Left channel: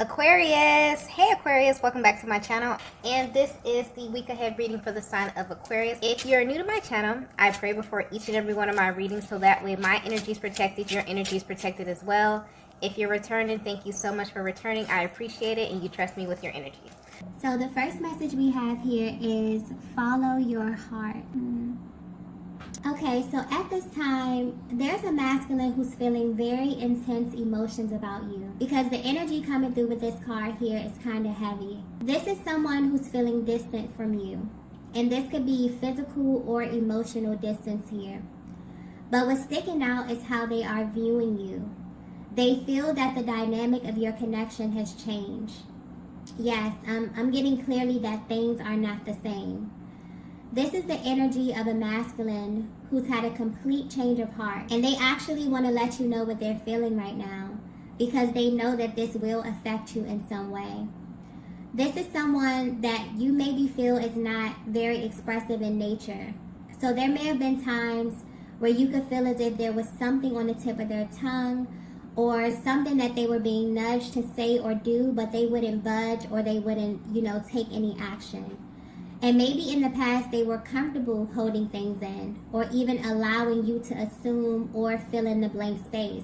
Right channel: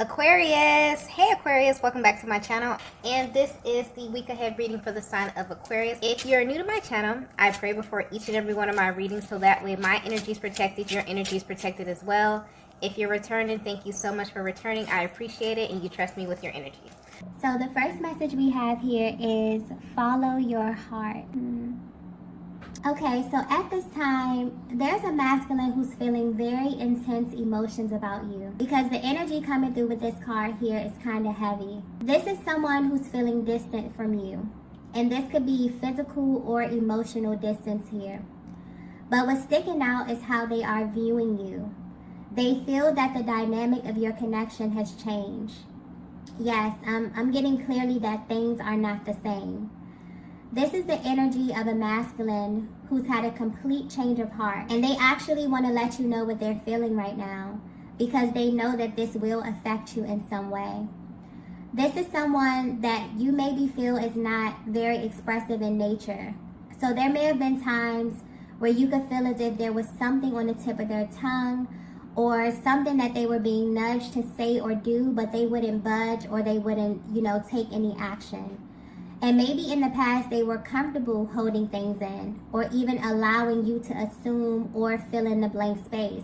Aquarius, hey Aquarius, welcome back to my channel, and this is the week ahead reading for the sign of Aquarius. If you're new to my channel, I pray before each and every one of my readings so that way my energy is protected, your energy is protected as well. If you're returning, thank you so much for returning. I appreciate it, and you trust me with your energy. So the first message we have here is follow your heart. Okay, so at this time, there's a masculine who's feeling very intense emotions about you because the energy coming through with this card here is kind of heavy. This is someone who's feeling distant from you, and this could be physical or emotional distance here. But what's sticking out is how they are viewing you. They feel that the dynamic of your connection has changed. Yes, I'm getting clearly that things are not the same. This is the energy of a masculine who's had a complete change of heart. And they actually want to let you know what they're feeling right now because they know that this will affect you in some way. This is someone that you maybe feel is not very expressive in nature. So there may have been times where you could feel as if there was something on the tip of their tongue or something that they were being nudged to say or do, but they wouldn't budge or they wouldn't, take any action. And maybe in the past they were comfortable holding things in or even allowing you to assume or fill in the blank space.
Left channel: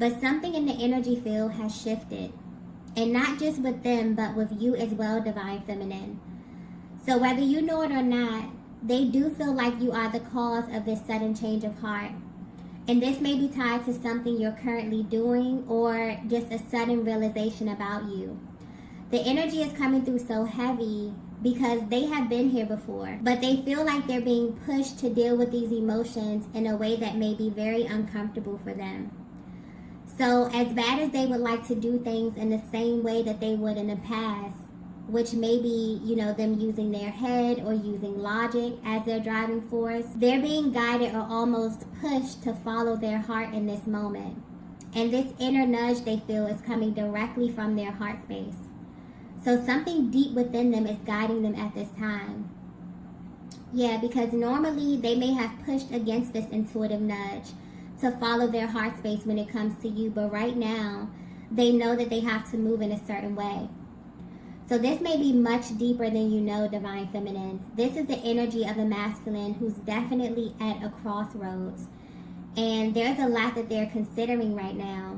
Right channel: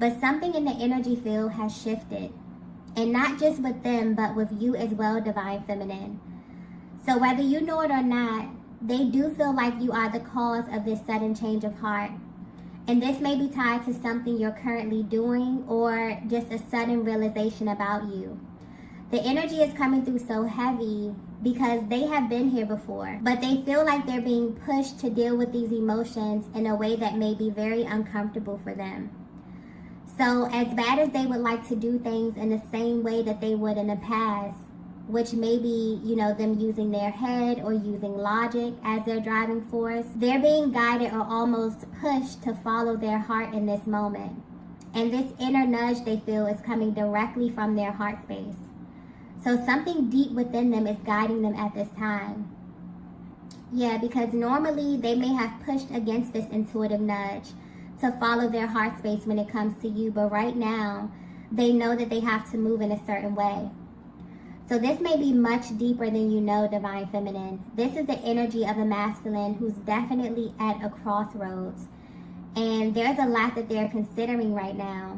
But something in the energy field has shifted. And not just with them, but with you as well, Divine Feminine. So whether you know it or not, they do feel like you are the cause of this sudden change of heart. And this may be tied to something you're currently doing or just a sudden realization about you. The energy is coming through so heavy because they have been here before, but they feel like they're being pushed to deal with these emotions in a way that may be very uncomfortable for them. So as bad as they would like to do things in the same way that they would in the past, which may be, them using their head or using logic as their driving force, they're being guided or almost pushed to follow their heart in this moment. And this inner nudge they feel is coming directly from their heart space. So something deep within them is guiding them at this time. Yeah, because normally they may have pushed against this intuitive nudge to follow their heart space when it comes to you. But right now, they know that they have to move in a certain way. So this may be much deeper than you know, Divine Feminine. This is the energy of a masculine who's definitely at a crossroads. And there's a lot that they're considering right now.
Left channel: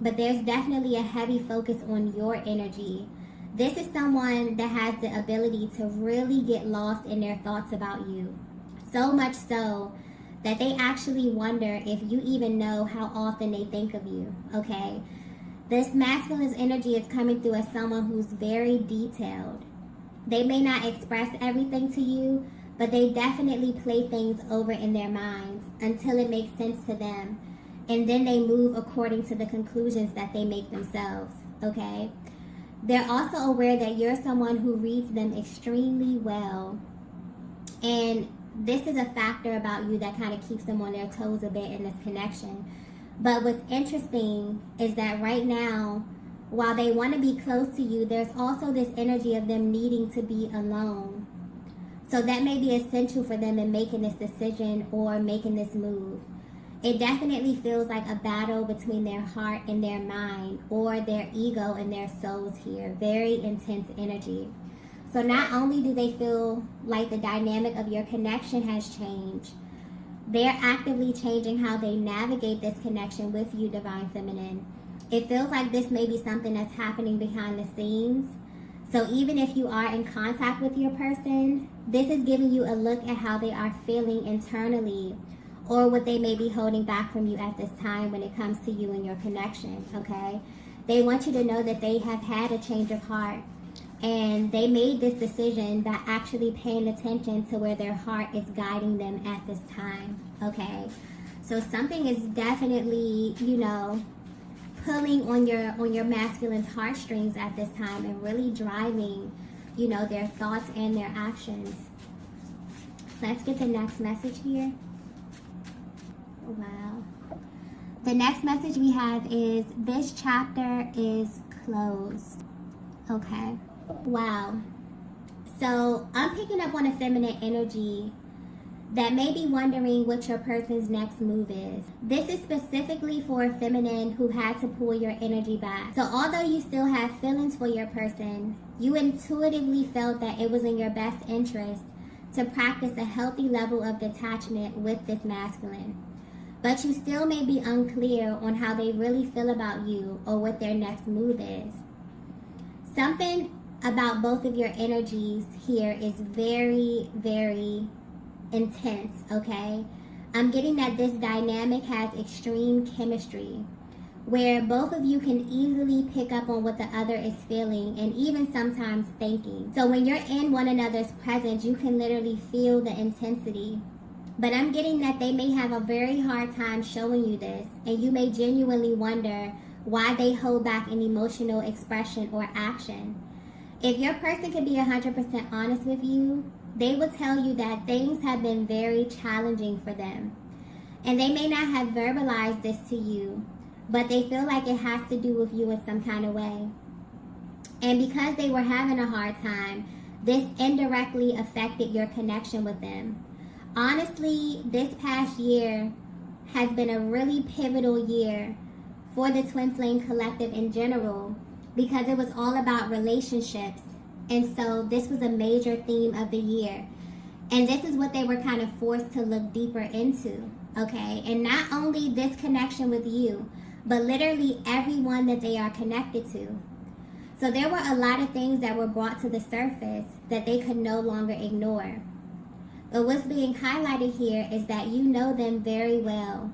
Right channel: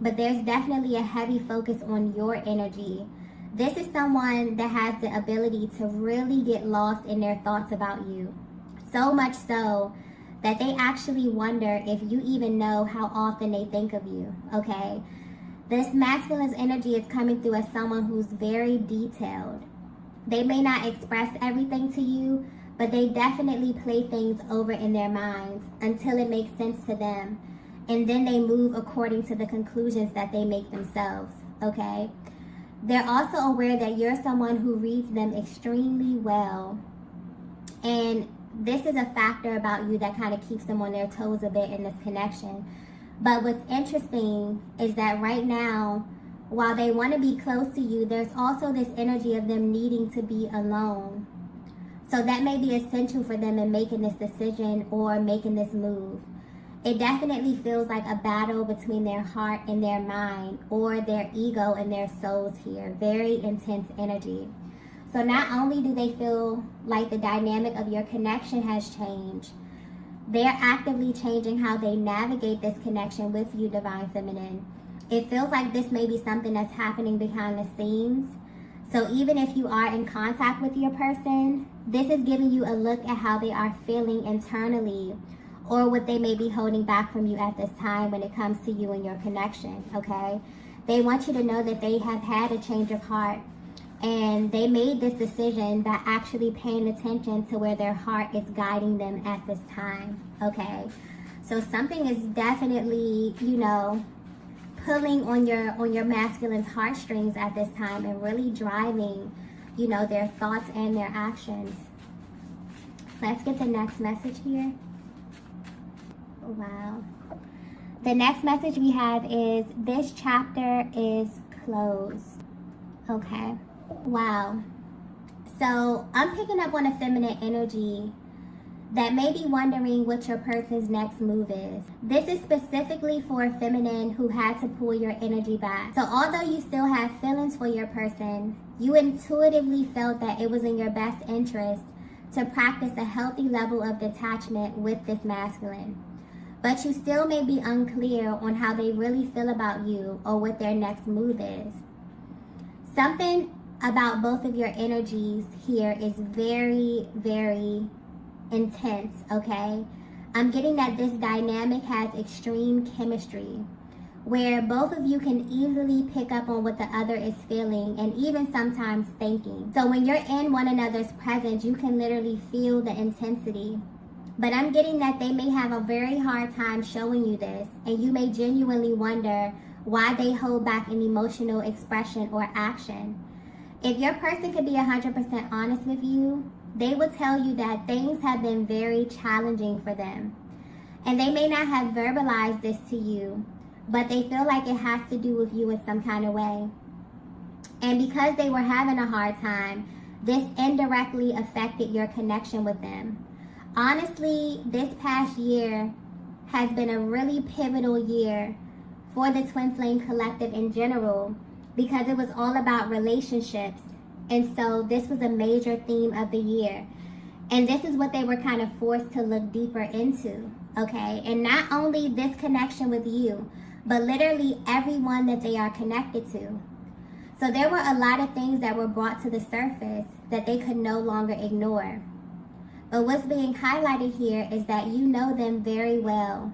But there's definitely a heavy focus on your energy. This is someone that has the ability to really get lost in their thoughts about you. So much so that they actually wonder if you even know how often they think of you, okay? This masculine's energy is coming through as someone who's very detailed. They may not express everything to you, but they definitely play things over in their minds until it makes sense to them. And then they move according to the conclusions that they make themselves, okay? They're also aware that you're someone who reads them extremely well. And this is a factor about you that kind of keeps them on their toes a bit in this connection. But what's interesting is that right now, while they want to be close to you, there's also this energy of them needing to be alone. So that may be essential for them in making this decision or making this move. It definitely feels like a battle between their heart and their mind, or their ego and their souls here. Very intense energy. So not only do they feel like the dynamic of your connection has changed, they're actively changing how they navigate this connection with you, Divine Feminine. It feels like this may be something that's happening behind the scenes. So even if you are in contact with your person, this is giving you a look at how they are feeling internally, or what they may be holding back from you at this time when it comes to you and your connection, okay? They want you to know that they have had a change of heart, and they made this decision by actually paying attention to where their heart is guiding them at this time, okay? So something is definitely, pulling on your masculine's heartstrings at this time and really driving, their thoughts and their actions. Let's get the next message here. Wow. The next message we have is, this chapter is closed. Okay. Wow. So I'm picking up on a feminine energy that may be wondering what your person's next move is. This is specifically for a feminine who had to pull your energy back. So although you still have feelings for your person, you intuitively felt that it was in your best interest to practice a healthy level of detachment with this masculine. But you still may be unclear on how they really feel about you or what their next move is. Something about both of your energies here is very, very intense, okay? I'm getting that this dynamic has extreme chemistry, where both of you can easily pick up on what the other is feeling and even sometimes thinking. So when you're in one another's presence, you can literally feel the intensity. But I'm getting that they may have a very hard time showing you this, and you may genuinely wonder why they hold back an emotional expression or action. If your person could be 100% honest with you, they would tell you that things have been very challenging for them. And they may not have verbalized this to you, but they feel like it has to do with you in some kind of way. And because they were having a hard time, this indirectly affected your connection with them. Honestly, this past year has been a really pivotal year for the Twin Flame Collective in general, because it was all about relationships. And so this was a major theme of the year. And this is what they were kind of forced to look deeper into, okay? And not only this connection with you, but literally everyone that they are connected to. So there were a lot of things that were brought to the surface that they could no longer ignore. But what's being highlighted here is that you know them very well.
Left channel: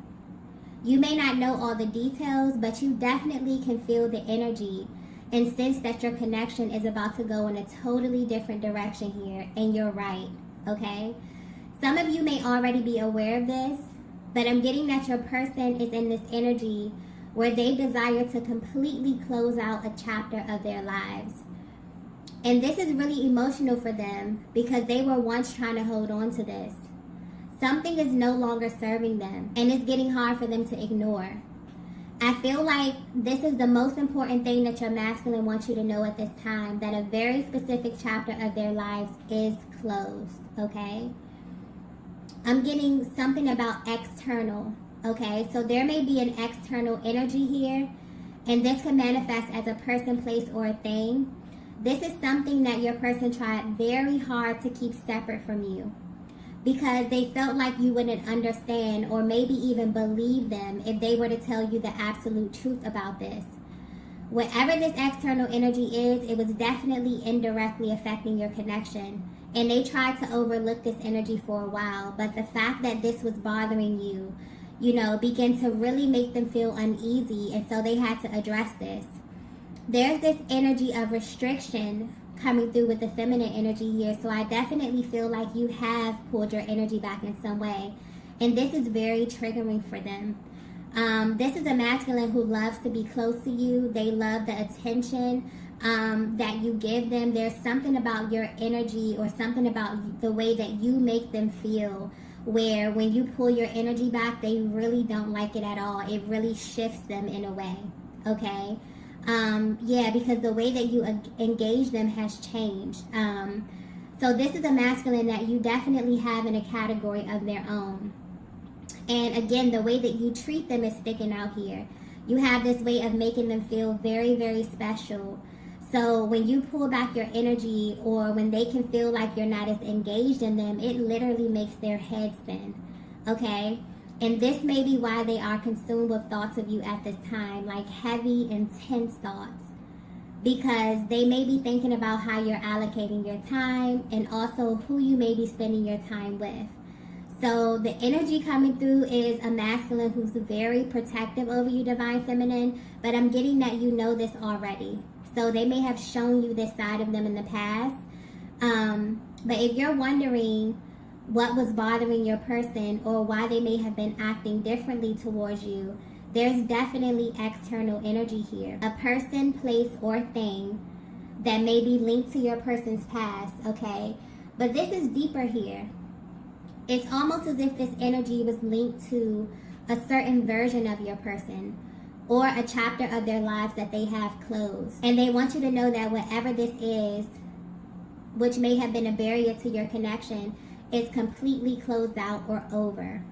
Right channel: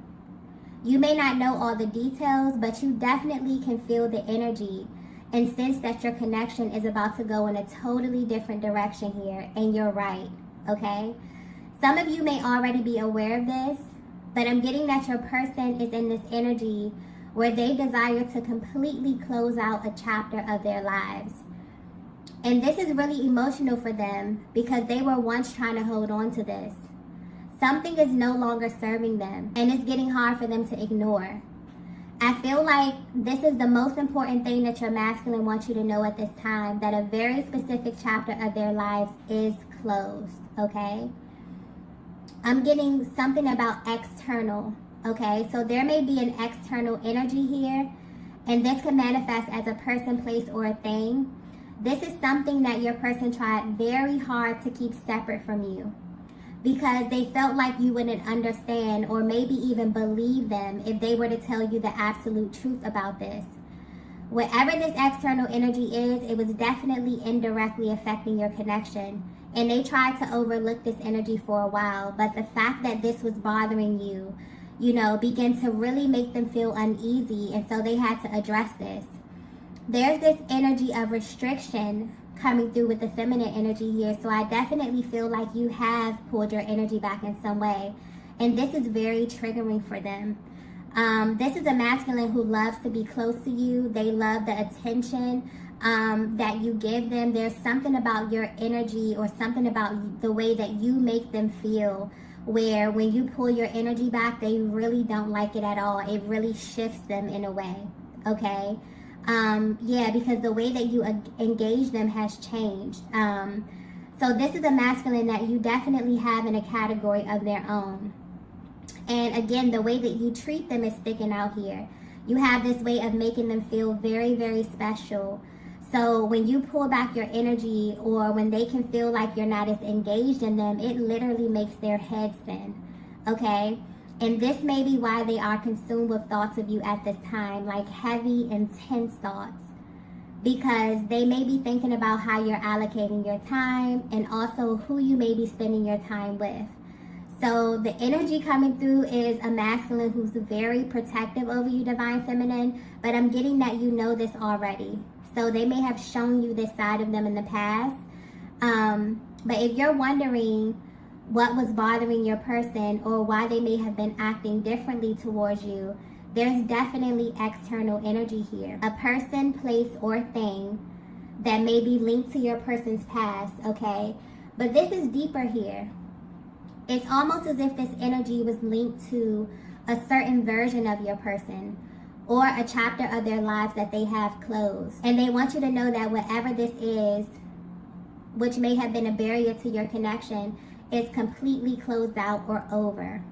You may not know all the details, but you definitely can feel the energy and sense that your connection is about to go in a totally different direction here, and you're right, okay? Some of you may already be aware of this, but I'm getting that your person is in this energy where they desire to completely close out a chapter of their lives. And this is really emotional for them because they were once trying to hold on to this. Something is no longer serving them, and it's getting hard for them to ignore. I feel like this is the most important thing that your masculine wants you to know at this time, that a very specific chapter of their lives is closed, okay? I'm getting something about external, okay? So there may be an external energy here, and this could manifest as a person, place, or a thing. This is something that your person tried very hard to keep separate from you, because they felt like you wouldn't understand or maybe even believe them if they were to tell you the absolute truth about this. Whatever this external energy is, it was definitely indirectly affecting your connection. And they tried to overlook this energy for a while, but the fact that this was bothering you, began to really make them feel uneasy, and so they had to address this. There's this energy of restriction coming through with the feminine energy here, so I definitely feel like you have pulled your energy back in some way, and this is very triggering for them. This is a masculine who loves to be close to you. They love the attention that you give them. There's something about your energy or something about the way that you make them feel, where when you pull your energy back, they really don't like it at all. It really shifts them in a way, okay? Because the way that you engage them has changed. So this is a masculine that you definitely have in a category of their own. And again, the way that you treat them is sticking out here. You have this way of making them feel very, very special. So when you pull back your energy, or when they can feel like you're not as engaged in them, it literally makes their head spin, okay? And this may be why they are consumed with thoughts of you at this time, like heavy, intense thoughts. Because they may be thinking about how you're allocating your time, and also who you may be spending your time with. So the energy coming through is a masculine who's very protective over you, Divine Feminine, but I'm getting that you know this already. So they may have shown you this side of them in the past. But if you're wondering what was bothering your person or why they may have been acting differently towards you, there's definitely external energy here. A person, place, or thing that may be linked to your person's past, okay? But this is deeper here. It's almost as if this energy was linked to a certain version of your person or a chapter of their lives that they have closed. And they want you to know that whatever this is, which may have been a barrier to your connection, is completely closed out or over,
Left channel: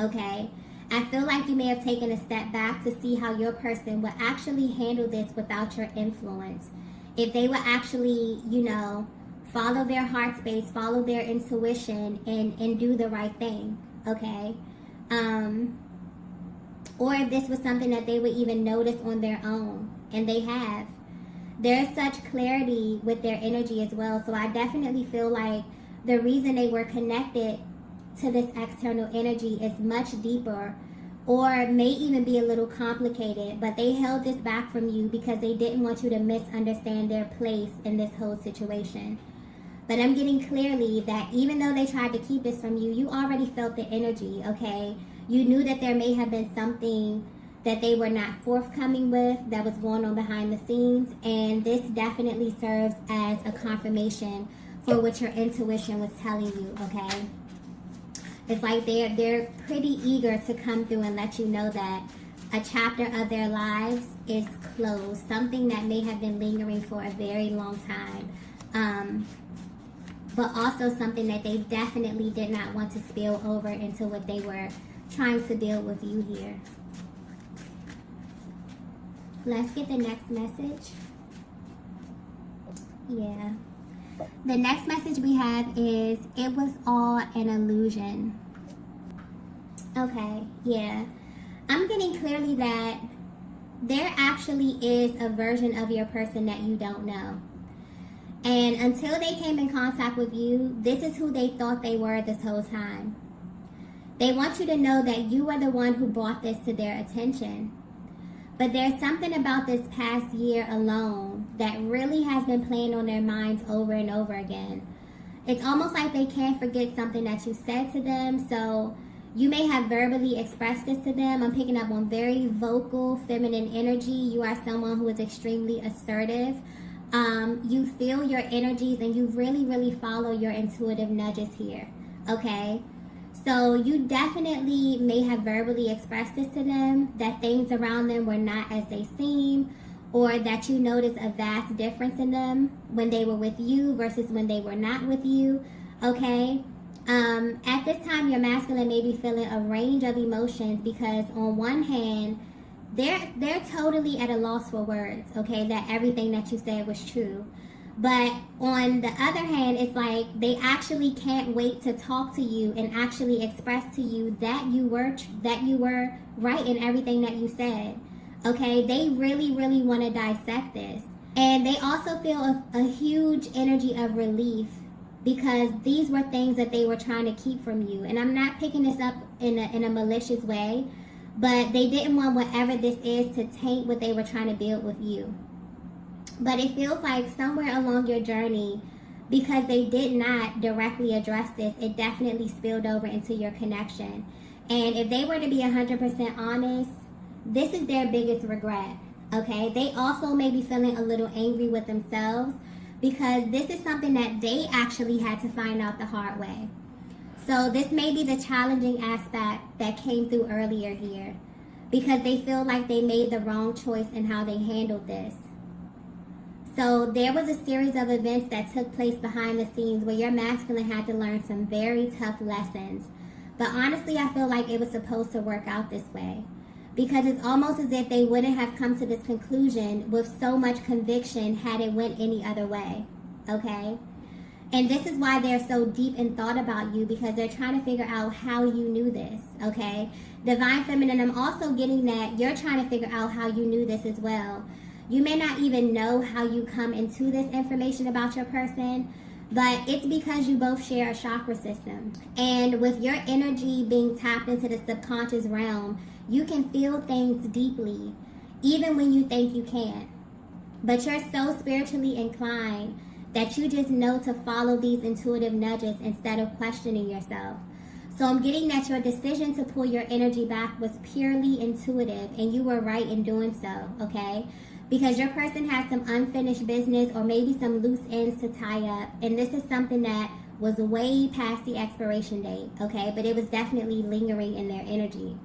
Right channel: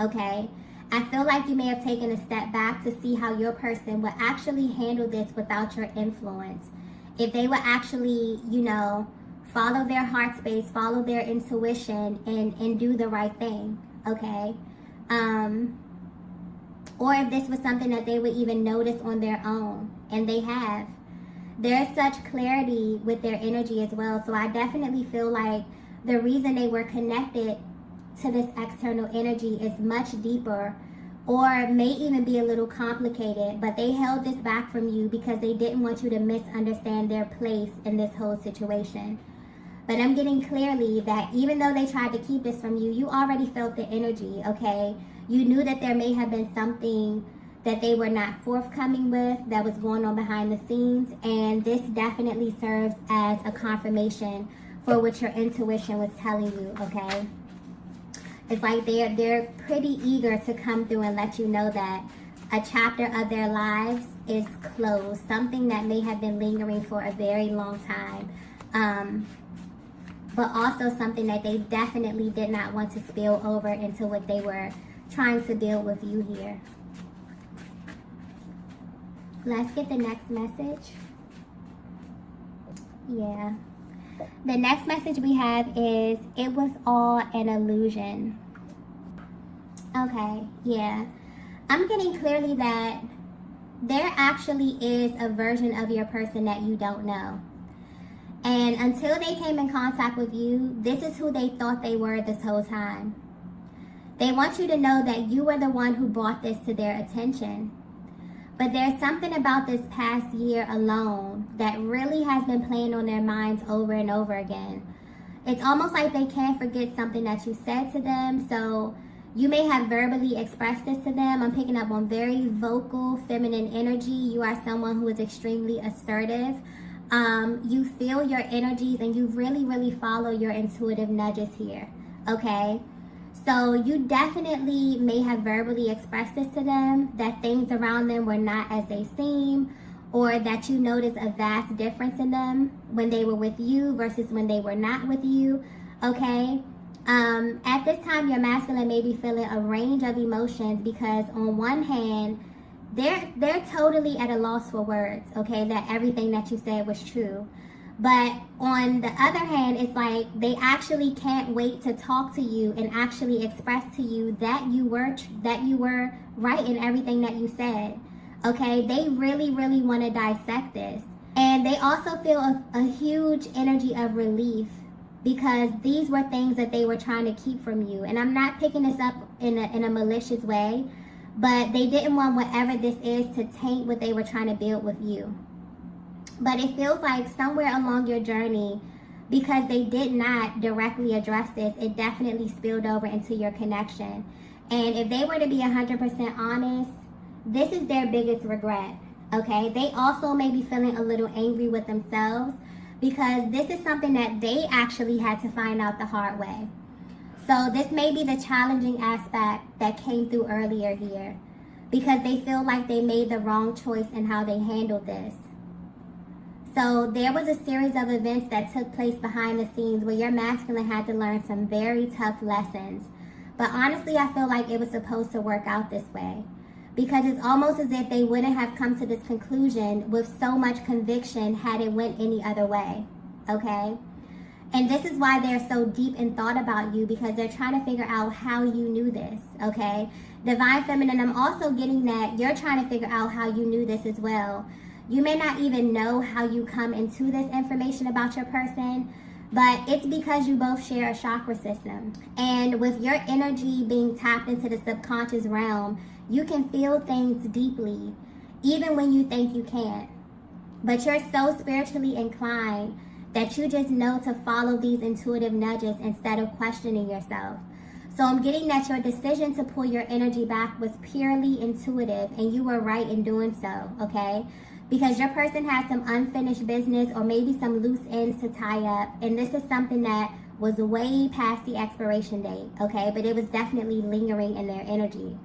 okay? I feel like you may have taken a step back to see how your person would actually handle this without your influence. If they would actually, you know, follow their heart space, follow their intuition, and do the right thing, okay? Or if this was something that they would even notice on their own, and they have. There's such clarity with their energy as well, so I definitely feel like the reason they were connected to this external energy is much deeper, or may even be a little complicated, but they held this back from you because they didn't want you to misunderstand their place in this whole situation. But I'm getting clearly that even though they tried to keep this from you, you already felt the energy, okay? You knew that there may have been something that they were not forthcoming with that was going on behind the scenes, and this definitely serves as a confirmation for what your intuition was telling you, okay? It's like they're pretty eager to come through and let you know that a chapter of their lives is closed, something that may have been lingering for a very long time, but also something that they definitely did not want to spill over into what they were trying to deal with you here. Let's get the next message. Yeah. The next message we have is, it was all an illusion. Okay, yeah. I'm getting clearly that there actually is a version of your person that you don't know. And until they came in contact with you, this is who they thought they were this whole time. They want you to know that you were the one who brought this to their attention. But there's something about this past year alone that really has been playing on their minds over and over again. It's almost like they can't forget something that you said to them. So you may have verbally expressed this to them. I'm picking up on very vocal, feminine energy. You are someone who is extremely assertive. You feel your energies and you really, really follow your intuitive nudges here, okay? So you definitely may have verbally expressed this to them, that things around them were not as they seem, or that you noticed a vast difference in them when they were with you versus when they were not with you, okay? At this time, your masculine may be feeling a range of emotions because on one hand, they're totally at a loss for words, okay, that everything that you said was true. But on the other hand, it's like they actually can't wait to talk to you and actually express to you that you were right in everything that you said. Okay, they really, really want to dissect this. And they also feel a huge energy of relief because these were things that they were trying to keep from you. And I'm not picking this up in a malicious way, but they didn't want whatever this is to taint what they were trying to build with you. But it feels like somewhere along your journey, because they did not directly address this, it definitely spilled over into your connection. And if they were to be 100% honest, this is their biggest regret, okay? They also may be feeling a little angry with themselves because this is something that they actually had to find out the hard way. So this may be the challenging aspect that came through earlier here because they feel like they made the wrong choice in how they handled this. So there was a series of events that took place behind the scenes where your masculine had to learn some very tough lessons. But honestly, I feel like it was supposed to work out this way. Because it's almost as if they wouldn't have come to this conclusion with so much conviction had it went any other way. Okay? And this is why they're so deep in thought about you, because they're trying to figure out how you knew this. Okay? Divine Feminine, I'm also getting that you're trying to figure out how you knew this as well. You may not even know how you come into this information about your person, but it's because you both share a chakra system. And with your energy being tapped into the subconscious realm, you can feel things deeply, even when you think you can't. But you're so spiritually inclined that you just know to follow these intuitive nudges instead of questioning yourself. So I'm getting that your decision to pull your energy back was purely intuitive, and you were right in doing so, okay? Because your person has some unfinished business or maybe some loose ends to tie up. And this is something that was way past the expiration date, okay? But it was definitely lingering in their energy.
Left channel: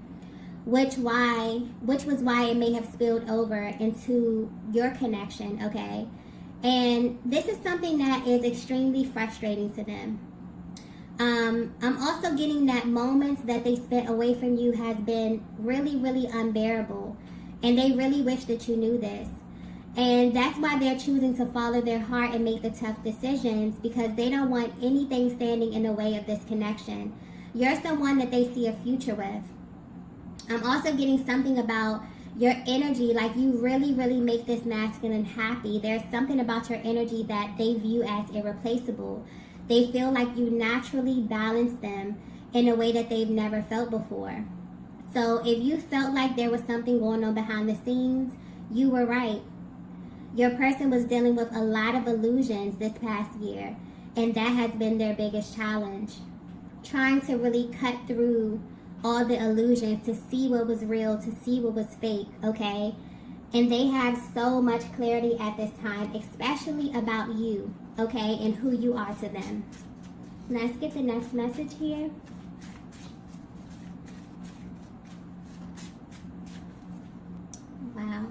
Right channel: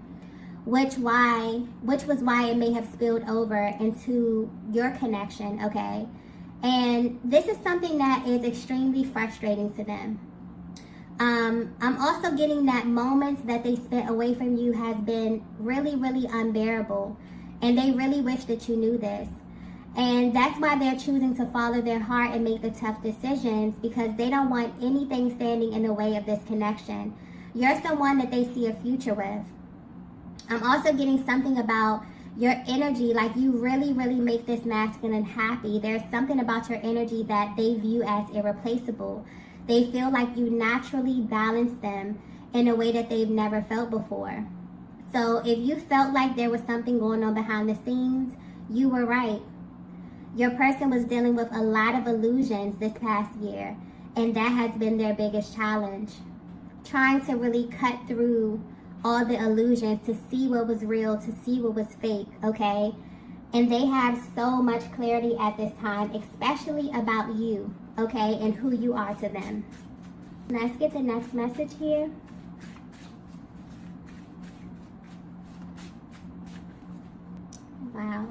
Which was why it may have spilled over into your connection, okay? And this is something that is extremely frustrating to them. I'm also getting that moments that they spent away from you has been really, really unbearable. And they really wish that you knew this. And that's why they're choosing to follow their heart and make the tough decisions, because they don't want anything standing in the way of this connection. You're someone that they see a future with. I'm also getting something about your energy, like you really, really make this masculine happy. There's something about your energy that they view as irreplaceable. They feel like you naturally balance them in a way that they've never felt before. So if you felt like there was something going on behind the scenes, you were right. Your person was dealing with a lot of illusions this past year, and that has been their biggest challenge. Trying to really cut through all the illusions to see what was real, to see what was fake, okay? And they have so much clarity at this time, especially about you, okay, and who you are to them. Let's get the next message here. Wow.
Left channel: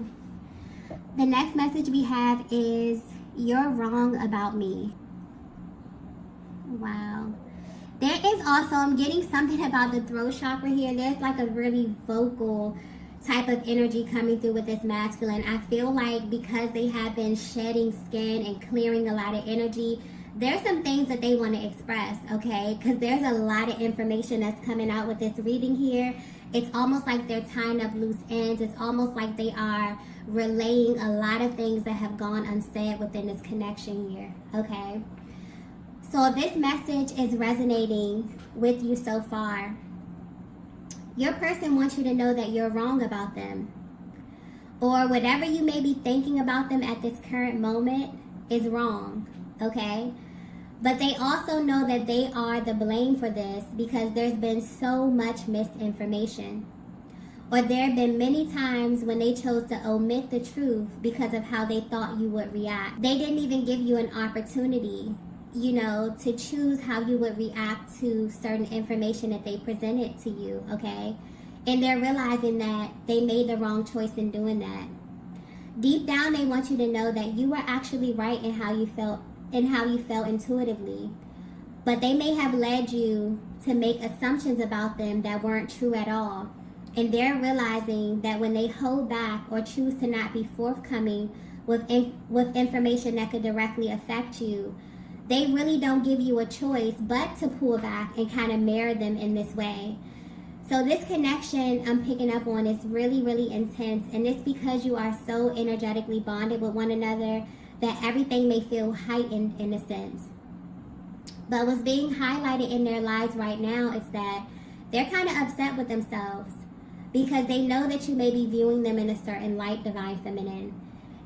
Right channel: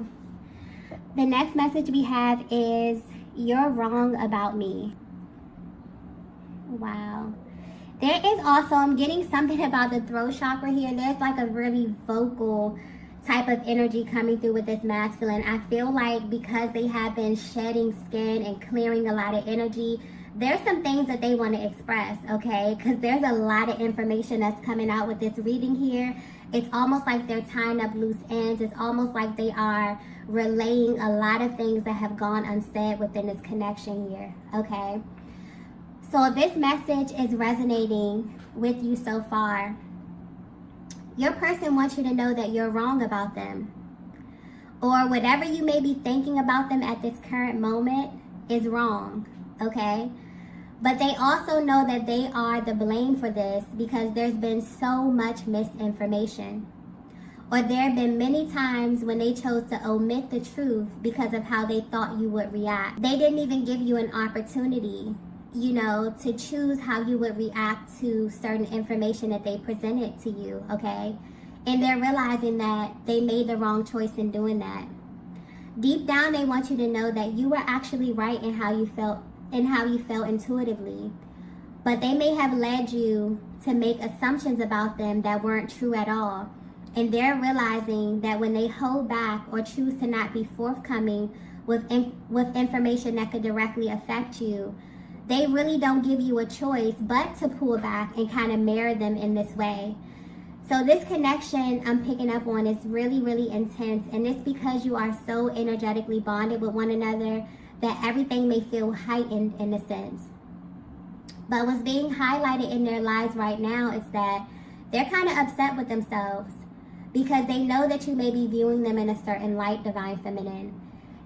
The next message we have is, you're wrong about me. Wow. There is also, I'm getting something about the throat chakra here. There's like a really vocal type of energy coming through with this masculine. I feel like because they have been shedding skin and clearing a lot of energy, there's some things that they want to express, okay? Because there's a lot of information that's coming out with this reading here. It's almost like they're tying up loose ends. It's almost like they are relaying a lot of things that have gone unsaid within this connection here, okay? So if this message is resonating with you so far, your person wants you to know that you're wrong about them. Or whatever you may be thinking about them at this current moment is wrong, okay? But they also know that they are the blame for this because there's been so much misinformation. Or there have been many times when they chose to omit the truth because of how they thought you would react. They didn't even give you an opportunity, you know, to choose how you would react to certain information that they presented to you, okay? And they're realizing that they made the wrong choice in doing that. Deep down, they want you to know that you were actually right in how you felt intuitively. But they may have led you to make assumptions about them that weren't true at all. And they're realizing that when they hold back or choose to not be forthcoming with information that could directly affect you, they really don't give you a choice but to pull back and kind of mirror them in this way. So this connection I'm picking up on is really, really intense. And it's because you are so energetically bonded with one another that everything may feel heightened in a sense. But what's being highlighted in their lives right now is that they're kind of upset with themselves because they know that you may be viewing them in a certain light, Divine Feminine.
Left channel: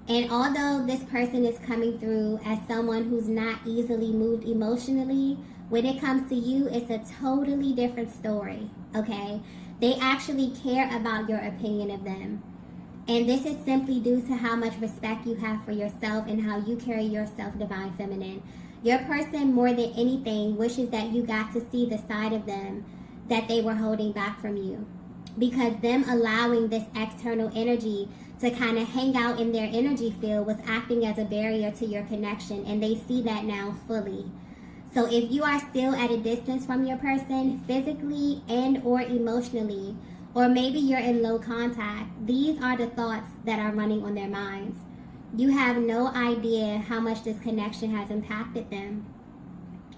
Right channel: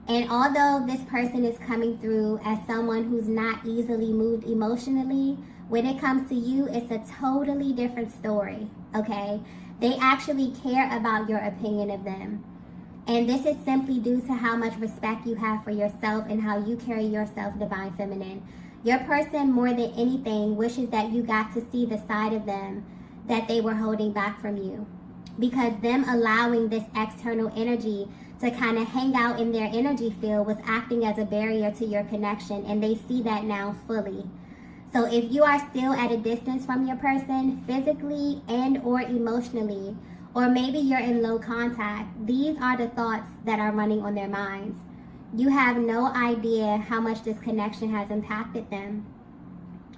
And although this person is coming through as someone who's not easily moved emotionally, when it comes to you, it's a totally different story, okay? They actually care about your opinion of them. And this is simply due to how much respect you have for yourself and how you carry yourself, Divine Feminine. Your person, more than anything, wishes that you got to see the side of them that they were holding back from you. Because them allowing this external energy to kind of hang out in their energy field was acting as a barrier to your connection, and they see that now fully. So if you are still at a distance from your person, physically and or emotionally, or maybe you're in low contact, these are the thoughts that are running on their minds. You have no idea how much this connection has impacted them.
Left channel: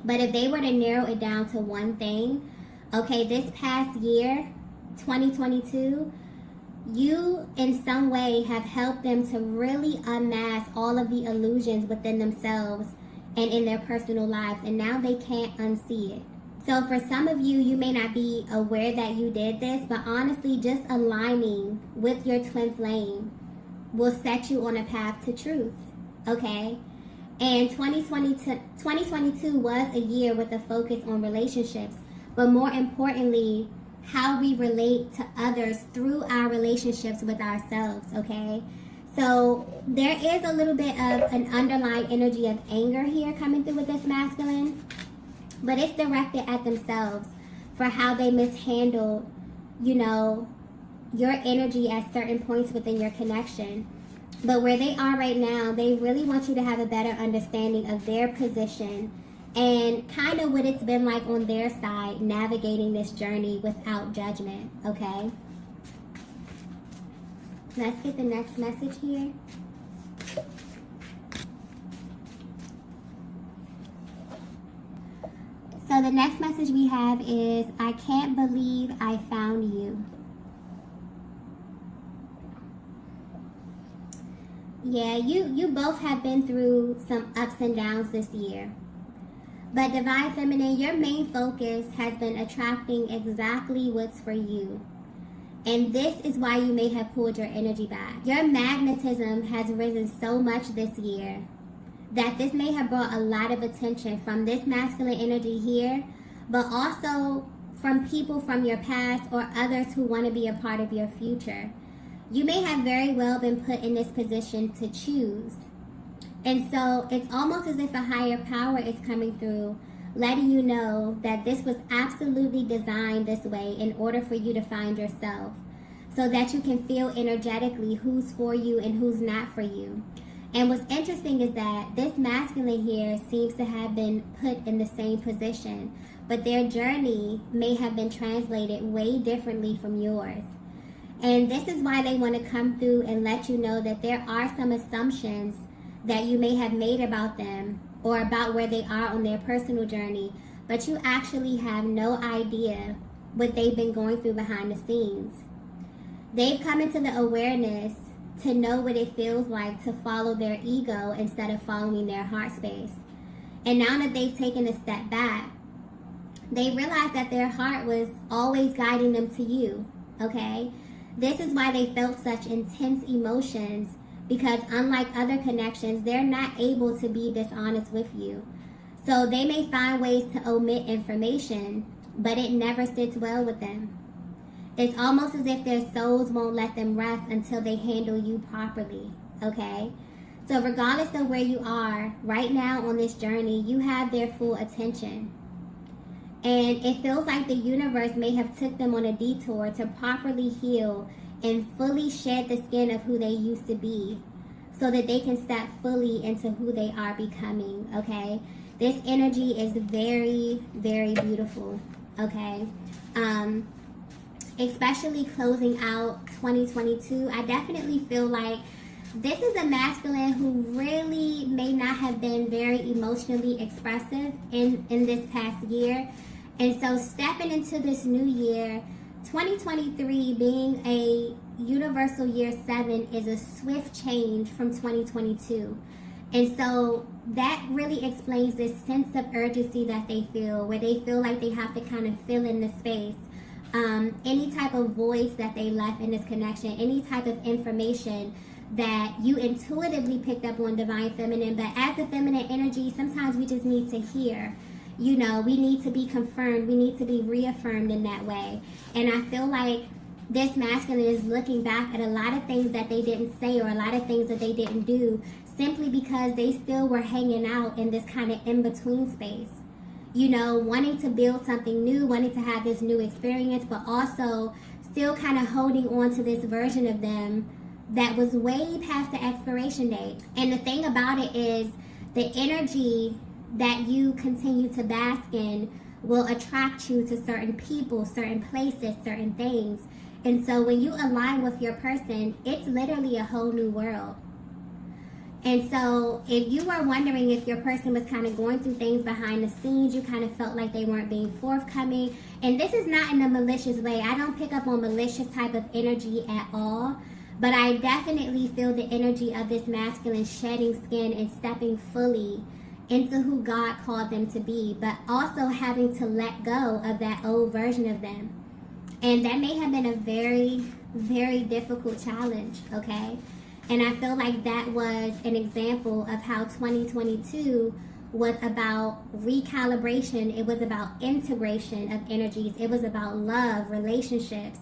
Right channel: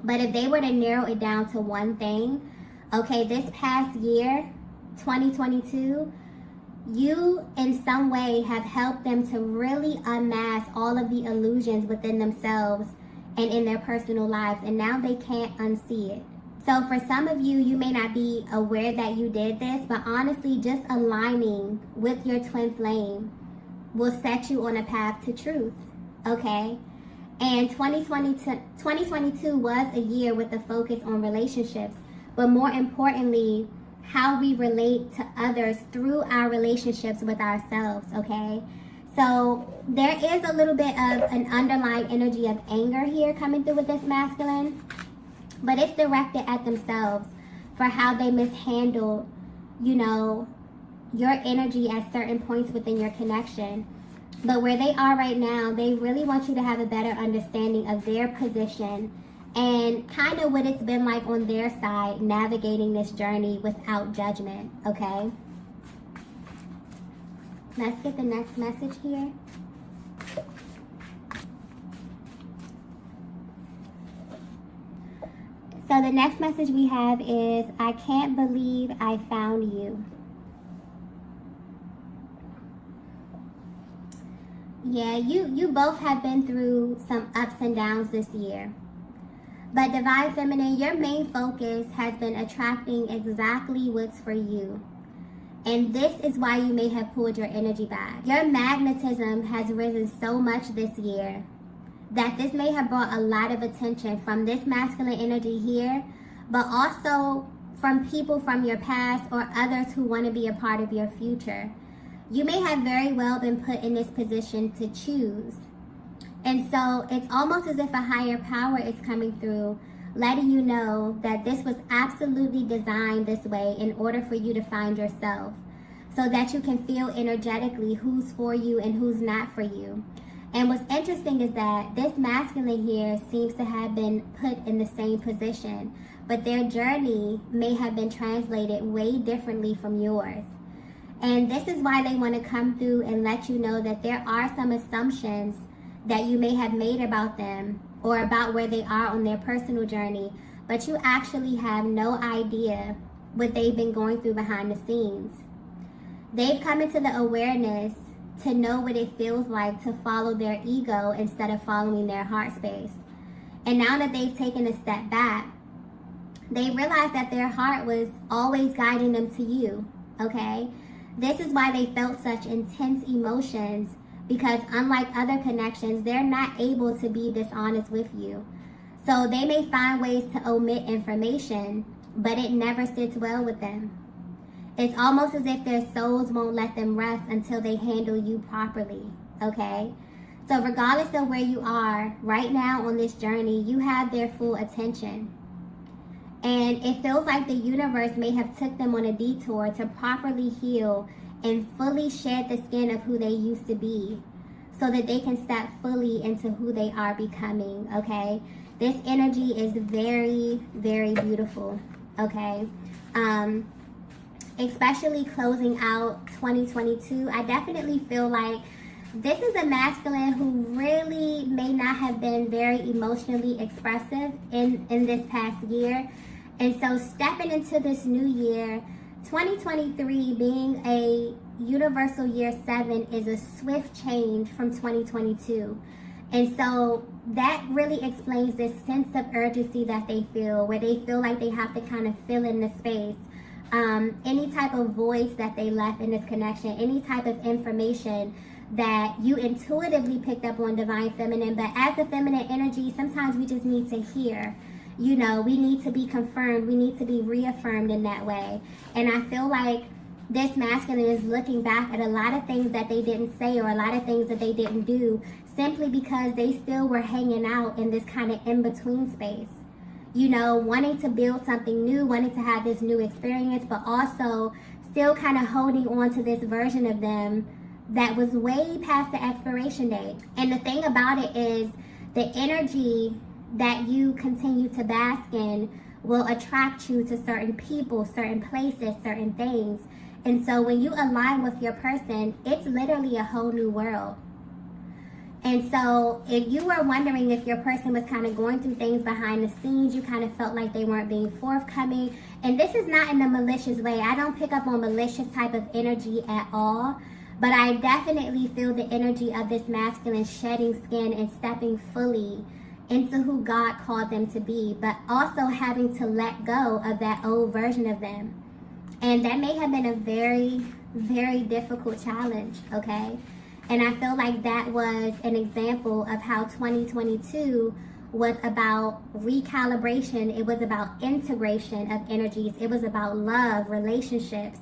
But if they were to narrow it down to one thing, okay, this past year, 2022, you in some way have helped them to really unmask all of the illusions within themselves and in their personal lives, and now they can't unsee it. So for some of you, you may not be aware that you did this, but honestly, just aligning with your twin flame will set you on a path to truth, okay? And 2022 was a year with a focus on relationships, but more importantly, how we relate to others through our relationships with ourselves, okay? So there is a little bit of an underlying energy of anger here coming through with this masculine, but it's directed at themselves for how they mishandled, you know, your energy at certain points within your connection. But where they are right now, they really want you to have a better understanding of their position and kind of what it's been like on their side, navigating this journey without judgment, okay? Let's get the next message here. So the next message we have is, I can't believe I found you. Yeah, you both have been through some ups and downs this year. But Divine Feminine, your main focus has been attracting exactly what's for you. And this is why you may have pulled your energy back. Your magnetism has risen so much this year that this may have brought a lot of attention from this masculine energy here, but also from people from your past or others who want to be a part of your future. You may have very well been put in this position to choose. And so it's almost as if a higher power is coming through, letting you know that this was absolutely designed this way in order for you to find yourself, so that you can feel energetically who's for you and who's not for you. And what's interesting is that this masculine here seems to have been put in the same position, but their journey may have been translated way differently from yours. And this is why they want to come through and let you know that there are some assumptions that you may have made about them or about where they are on their personal journey, but you actually have no idea what they've been going through behind the scenes. They've come into the awareness to know what it feels like to follow their ego instead of following their heart space. And now that they've taken a step back, they realize that their heart was always guiding them to you, okay? This is why they felt such intense emotions, because unlike other connections, they're not able to be dishonest with you. So they may find ways to omit information, but it never sits well with them. It's almost as if their souls won't let them rest until they handle you properly, okay? So regardless of where you are right now on this journey, you have their full attention. And it feels like the universe may have took them on a detour to properly heal and fully shed the skin of who they used to be, so that they can step fully into who they are becoming, okay? This energy is very, very beautiful, okay? Especially closing out 2022, I definitely feel like this is a masculine who really may not have been very emotionally expressive in this past year. And so stepping into this new year, 2023 being a universal year 7 is a swift change from 2022. And so that really explains this sense of urgency that they feel, where they feel like they have to kind of fill in the space. Any type of voice that they left in this connection, any type of information that you intuitively picked up on Divine Feminine. But as a feminine energy, sometimes we just need to hear. You know, we need to be confirmed. We need to be reaffirmed in that way. And I feel like this masculine is looking back at a lot of things that they didn't say, or a lot of things that they didn't do, simply because they still were hanging out in this kind of in-between space. You know, wanting to build something new, wanting to have this new experience, but also still kind of holding on to this version of them that was way past the expiration date. And the thing about it is, the energy that you continue to bask in will attract you to certain people, certain places, certain things. And so when you align with your person, it's literally a whole new world. And so if you were wondering if your person was kind of going through things behind the scenes, you kind of felt like they weren't being forthcoming. And this is not in a malicious way. I don't pick up on malicious type of energy at all. But I definitely feel the energy of this masculine shedding skin and stepping fully into who God called them to be, but also having to let go of that old version of them. And that may have been a very, very difficult challenge, okay? And I feel like that was an example of how 2022 was about recalibration. It was about integration of energies. It was about love, relationships,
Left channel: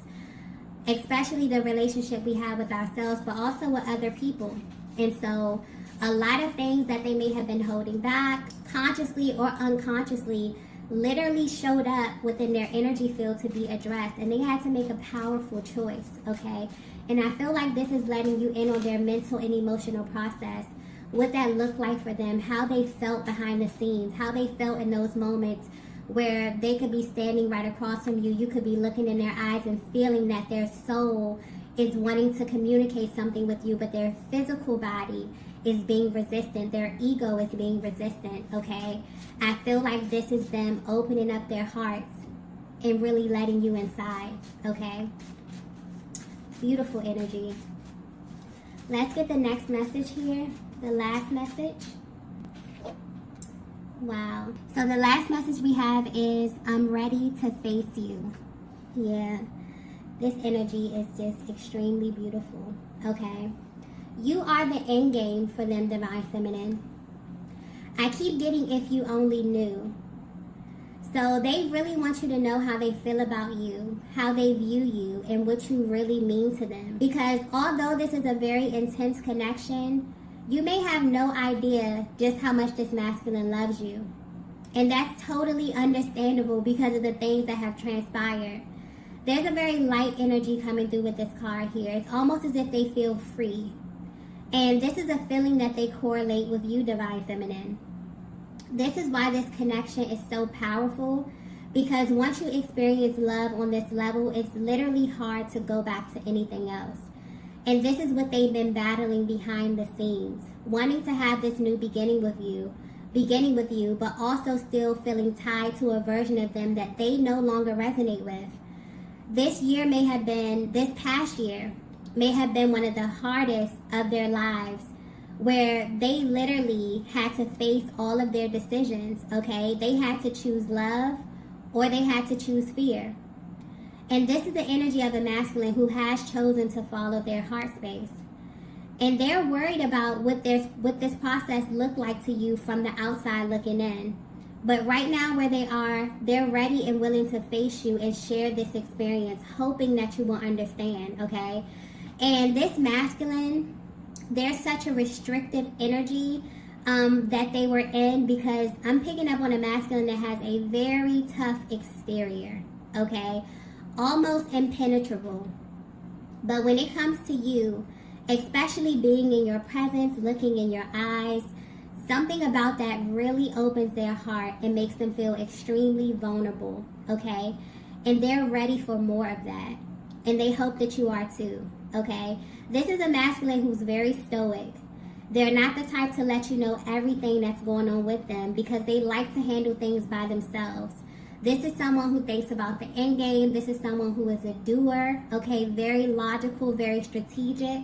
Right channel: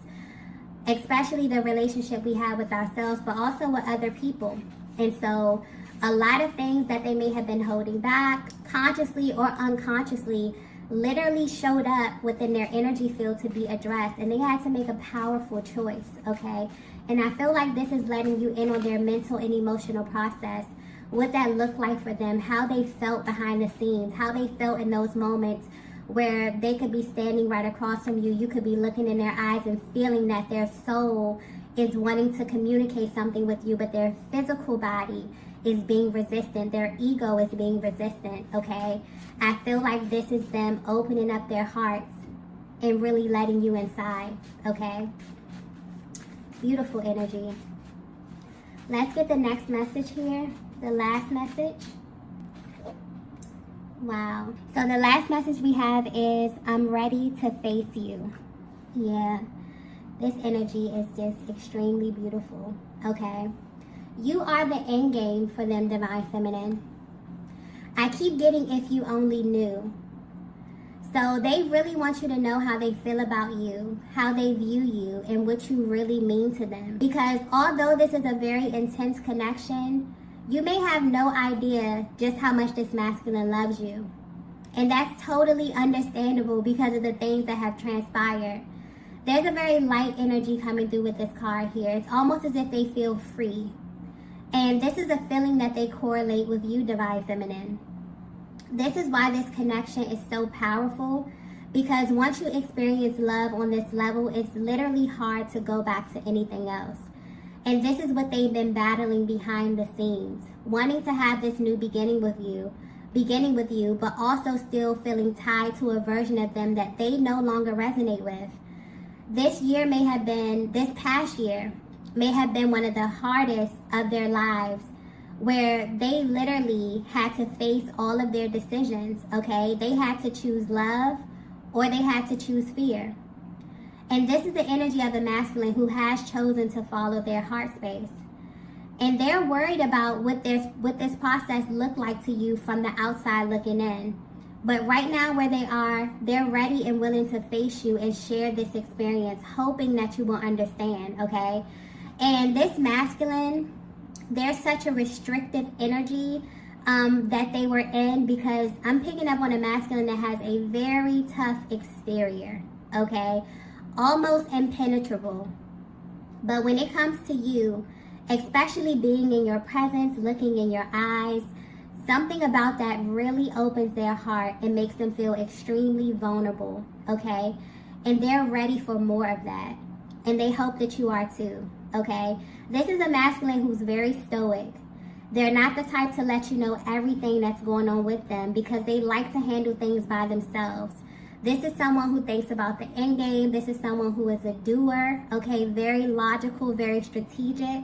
especially the relationship we have with ourselves, but also with other people. And so a lot of things that they may have been holding back, consciously or unconsciously, literally showed up within their energy field to be addressed. And they had to make a powerful choice, okay? And I feel like this is letting you in on their mental and emotional process what that looked like for them, how they felt behind the scenes, how they felt in those moments where they could be standing right across from you. You could be looking in their eyes and feeling that their soul is wanting to communicate something with you, but their physical body is being resistant. Their ego is being resistant, okay? I feel like this is them opening up their hearts and really letting you inside, okay? Beautiful energy. Let's get the next message here, the last message. Wow. So the last message we have is, I'm ready to face you. Yeah. This energy is just extremely beautiful, okay? You are the end game for them, Divine Feminine. I keep getting if you only knew. So they really want you to know how they feel about you, how they view you, and what you really mean to them. Because although this is a very intense connection, you may have no idea just how much this masculine loves you. And that's totally understandable because of the things that have transpired. There's a very light energy coming through with this card here. It's almost as if they feel free. And this is a feeling that they correlate with you, Divine Feminine. This is why this connection is so powerful, because once you experience love on this level, it's literally hard to go back to anything else. And this is what they've been battling behind the scenes, wanting to have this new beginning with you, but also still feeling tied to a version of them that they no longer resonate with. This past year may have been one of the hardest of their lives, where they literally had to face all of their decisions, okay? They had to choose love or they had to choose fear. And this is the energy of a masculine who has chosen to follow their heart space. And they're worried about what this process looked like to you from the outside looking in. But right now where they are, they're ready and willing to face you and share this experience, hoping that you will understand, okay? And this masculine, there's such a restrictive energy that they were in, because I'm picking up on a masculine that has a very tough exterior, okay? Almost impenetrable. But when it comes to you, especially being in your presence, looking in your eyes, something about that really opens their heart and makes them feel extremely vulnerable, okay? And they're ready for more of that. And they hope that you are too, okay? This is a masculine who's very stoic. They're not the type to let you know everything that's going on with them, because they like to handle things by themselves. This is someone who thinks about the end game. This is someone who is a doer, okay? Very logical, very strategic.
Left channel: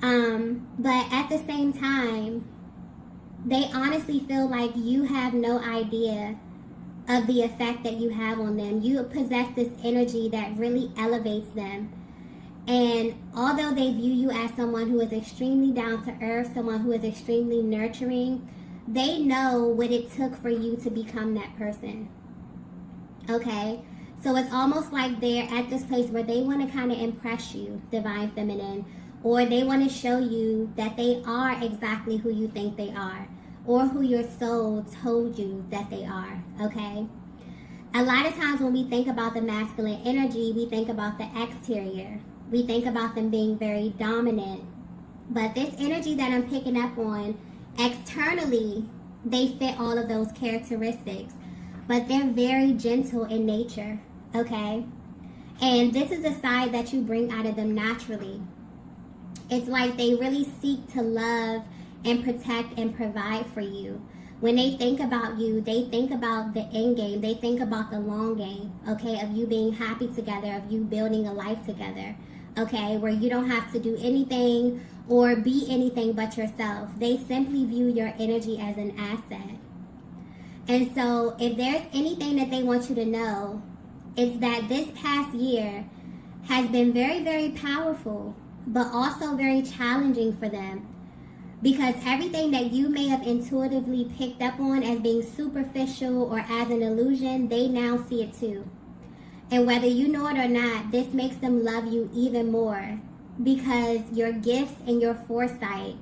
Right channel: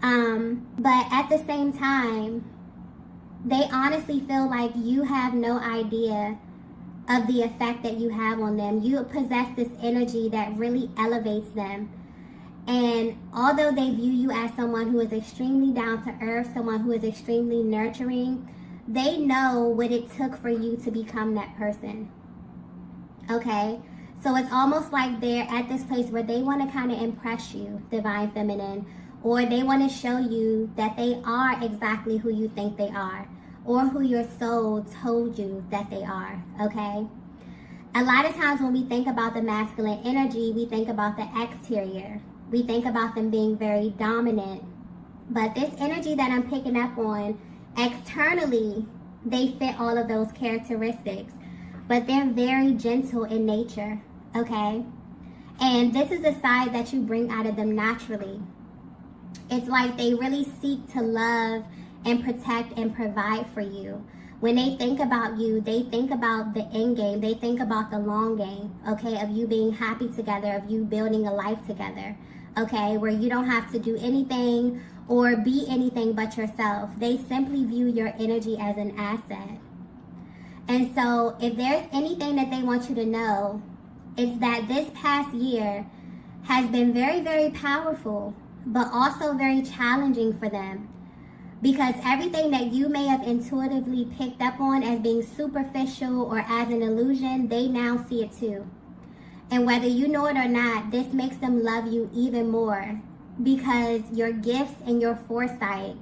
But at the same time, they honestly feel like you have no idea of the effect that you have on them. You possess this energy that really elevates them. And although they view you as someone who is extremely down to earth, someone who is extremely nurturing, they know what it took for you to become that person. Okay? So it's almost like they're at this place where they want to kind of impress you, Divine Feminine, or they want to show you that they are exactly who you think they are, or who your soul told you that they are, okay? A lot of times when we think about the masculine energy, we think about the exterior. We think about them being very dominant. But this energy that I'm picking up on, externally, they fit all of those characteristics. But they're very gentle in nature, okay? And this is the side that you bring out of them naturally. It's like they really seek to love and protect and provide for you. When they think about you, they think about the end game. They think about the long game, okay, of you being happy together, of you building a life together, okay, where you don't have to do anything or be anything but yourself. They simply view your energy as an asset. And so if there's anything that they want you to know, it's that this past year has been very, very powerful, but also very challenging for them. Because everything that you may have intuitively picked up on as being superficial or as an illusion, they now see it too. And whether you know it or not, this makes them love you even more, because your gifts and your foresight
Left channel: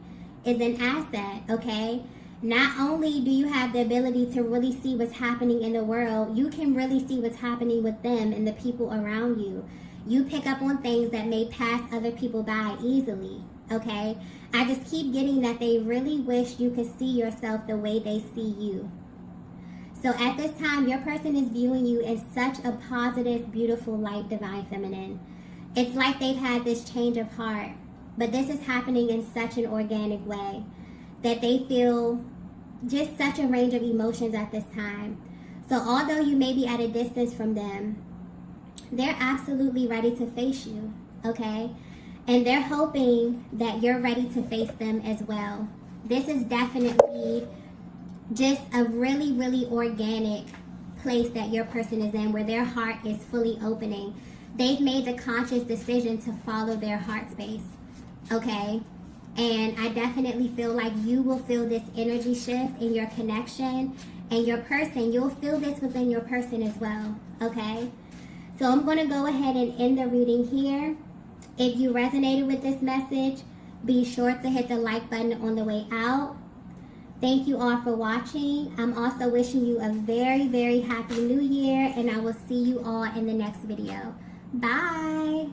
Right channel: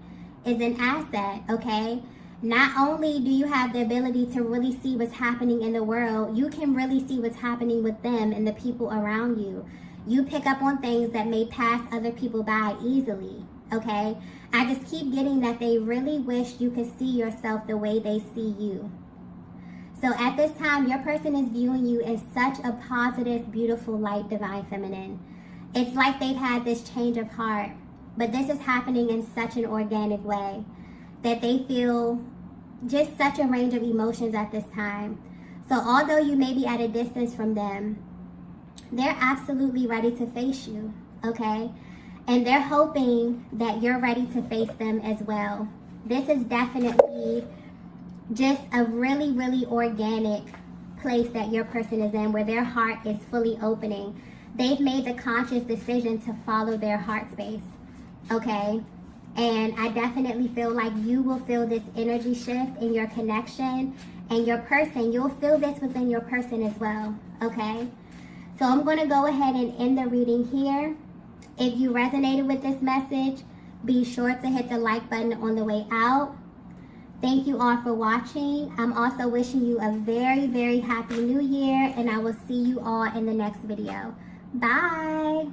is an asset, okay? Not only do you have the ability to really see what's happening in the world, you can really see what's happening with them and the people around you. You pick up on things that may pass other people by easily, okay? I just keep getting that they really wish you could see yourself the way they see you. So at this time, your person is viewing you in such a positive, beautiful light, Divine Feminine. It's like they've had this change of heart, but this is happening in such an organic way that they feel just such a range of emotions at this time. So although you may be at a distance from them, they're absolutely ready to face you, okay? And they're hoping that you're ready to face them as well. This is definitely just a really, really organic place that your person is in, where their heart is fully opening. They've made the conscious decision to follow their heart space, okay? And I definitely feel like you will feel this energy shift in your connection, and your person, you'll feel this within your person as well, okay? So I'm going to go ahead and end the reading here. If you resonated with this message, be sure to hit the like button on the way out. Thank you all for watching. I'm also wishing you a very, very happy new year, and I will see you all in the next video. Bye.